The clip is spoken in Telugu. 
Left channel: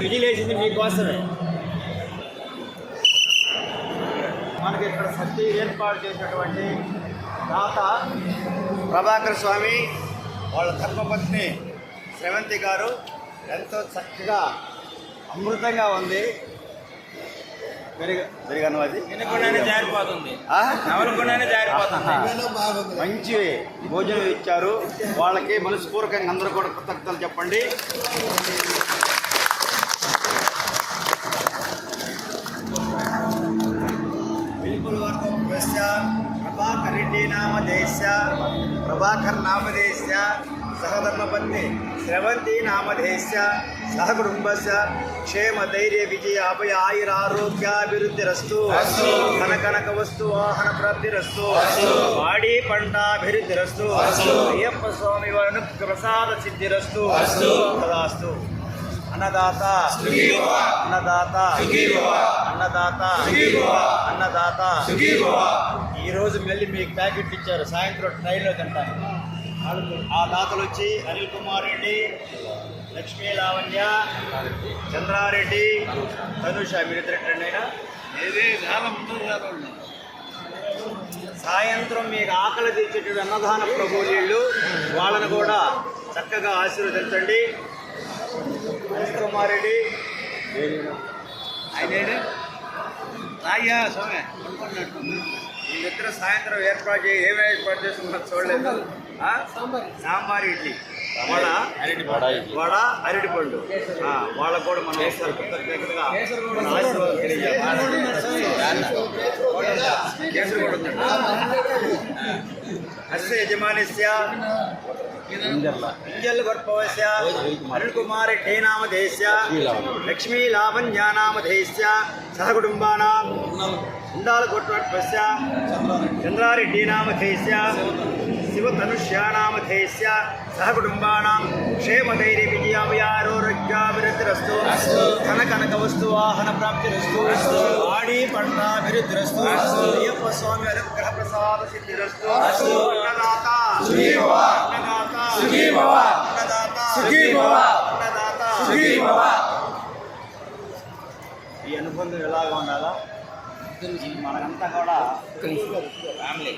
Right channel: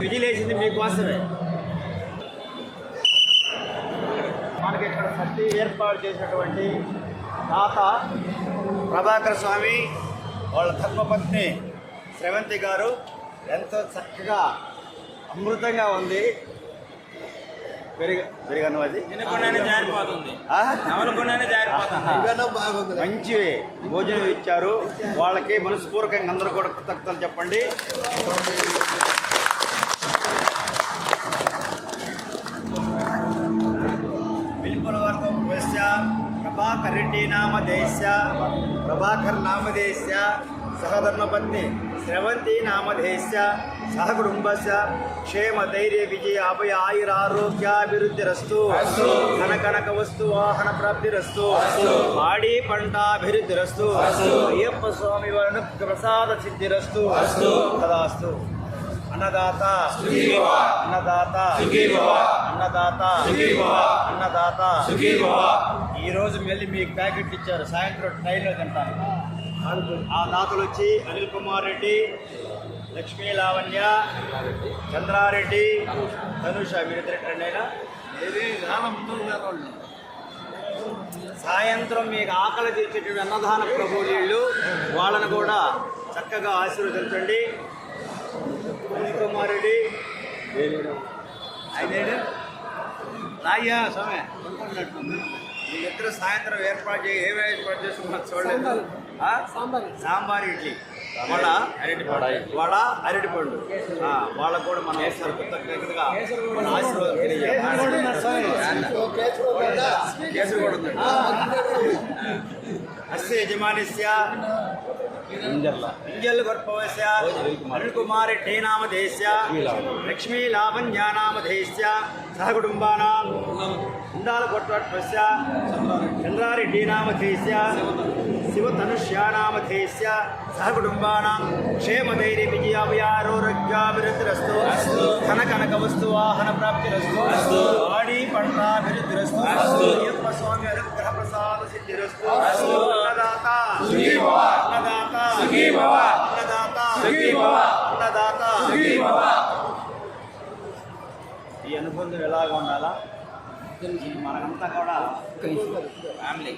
విజిలేసింది మీకోసమే. మనకి ఇక్కడ సత్తి ఏర్పాటు చేసినటువంటి తాత ప్రభాకర్ స్వామి వాళ్ళ ధర్మపత్ని శ్రవంతి గారు ఎంతో చక్కగా అమృతంగా ఉంది. పెరిగను అది. మంచి భోజనం ఇచ్చారు. వాళ్ళకి మనస్పూర్వకంగా అందరూ కూడా కృతజ్ఞతలు చెప్పండి. ప్రభాకర్ రెడ్డి నామధేశ ప్రభాకర్ నామధేశ సహధర్మపత్ని స్రవంతి నామధేశ సహకుటుంబస్య క్షేమ ధైర్య విజయ అభయ ఆయుర ఆరోగ్యాభివృద్ధిరస్తు ధన కనక వస్తు వాహన ప్రాప్తిరస్తు పాడి పంటాభివృద్ధిరస్తు అయ్యప్ప స్వామి వారిని ప్రసాద సిద్ధిరస్తు తదాస్తు అన్నదాత. అన్నదాత అన్నదాత. అన్నదాత ఈరోజు మళ్ళీ మీకు ప్యాకెట్ ఇచ్చారు. సాయంత్రం ట్రైన్లో తింటాను. ఆ దాతలు వచ్చి అనిల్ కుమార్ రెడ్డి లక్ష్మీ లావణ్య చంద్రారెడ్డి ధనుష మీరిద్దరు సాయంత్రం మీకు ఆకలి తీర్చేటువంటి అన్నదాన ప్రభు నీళ్ళు వాళ్ళను కూడా చక్కగా ఆశీర్వదించండి. అనిల్ కుమార్ రెడ్డి ఆయన రాయ్యా స్వామి. వీళ్ళిద్దరు సాయంత్రం ఏర్పాటు చేయి ఏమి ఏర్పాటు చేస్తున్నారు చూడలేదు. ఆ? సాంబార్. ఇడ్లీ. వడ వడ అరటిపండు. ఆ, వాళ్ళకు కూడా మనం ఒకసారి కృతజ్ఞతగా అస్య యజమానిస్య ఇంజల్ గర్భవస్య అనిల్ కుమార్ రెడ్డి నామధేస్య లక్ష్మీ లావణ్య నామధేస్య సహకుటుంబానాం ఇందాల గొట్టవస్య చంద్రారెడ్డి నామధేస్య అన్నదాత ఈ అనుబంధం ఎలాగ ఉండాలా? మనకంతా కూడా ఫ్యామిలీ